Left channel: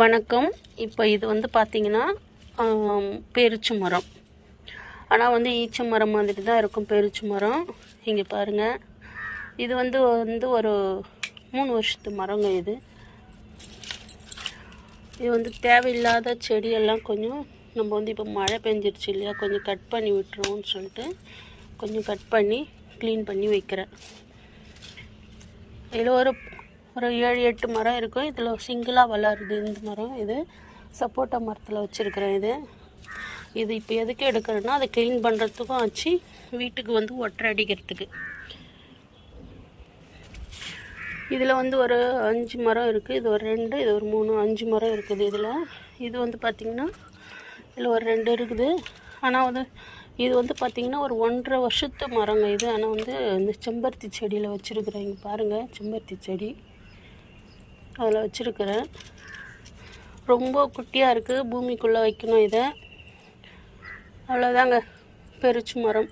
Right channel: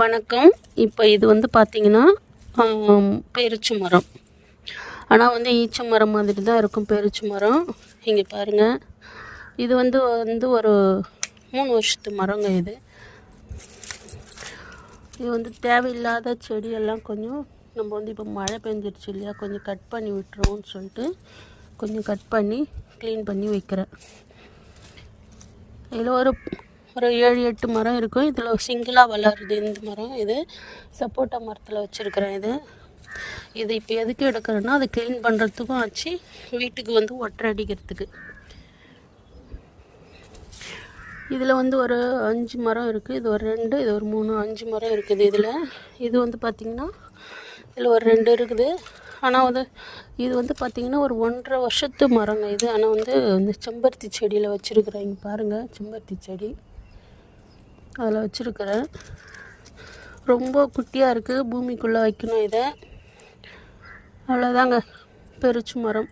வணக்கம். இப்போ இது வந்து பார்த்திங்கன்னா பேரிச்ச மரம். ஆனால் வந்து ஈச்ச மரம் மாதிரி தான் இருக்கும் பேரிச்ச மரம். இங்கே பாருங்கள், இது வந்து ஒரு 3 வருஷத்து மரங்க. இது வந்து தேவையில்லாத செடியெல்லாம் கொஞ்சம் நம்ம வந்து இப்போ மழை பெஞ்சிருச்சு இல்லையா, கொஞ்சம் கட் பண்ணி விட்டுருவோம்னு சொல்லிட்டு கொஞ்சம் கட் பண்ணி க்ளீன் பண்ணி வைக்கிறேன். இதில் ஒரு 7-8 மரம் இருக்கும். இதில் சிங்கிளாக வளருது இந்த மரம். இது சப்போட்டா மரத்தில் வச்சுருக்கிறேன். இது இப்போ எதுக்கு எடுக்கிறேன்னா, அதை க்ளீன் பண்ணுறதுக்கும் ஆச்சு, வீட்டுக்கு வந்து ஒட்டரை அடிக்கிறதுக்கு. இதில் வந்து ஒரு 5 மரம் இருக்குது. இது ஒரு 2, இது ஒரு 3, 5 மரம் இருக்குது இதில். இது வந்து பார்த்திங்கன்னா இதில் ஒரு 2 இருக்குது. ஆனால் இது வந்து பார்த்திங்கன்னா ஒரு 1.5 வருஷத்து மரங்க இது. ஆனால் வந்து இந்த செம்பருத்தி செடியில் வச்சுருக்கிறேன். இங்கே பாருங்கள், செம்பருத்தி செடி அதில் வச்சுருக்கிறேன். ரொம்ப குட்டியாக இருக்குது, பூமிக்குள்ளே வைக்கணும் இதை. அவ்வளோதாங்க, பெருச்சு மரம்.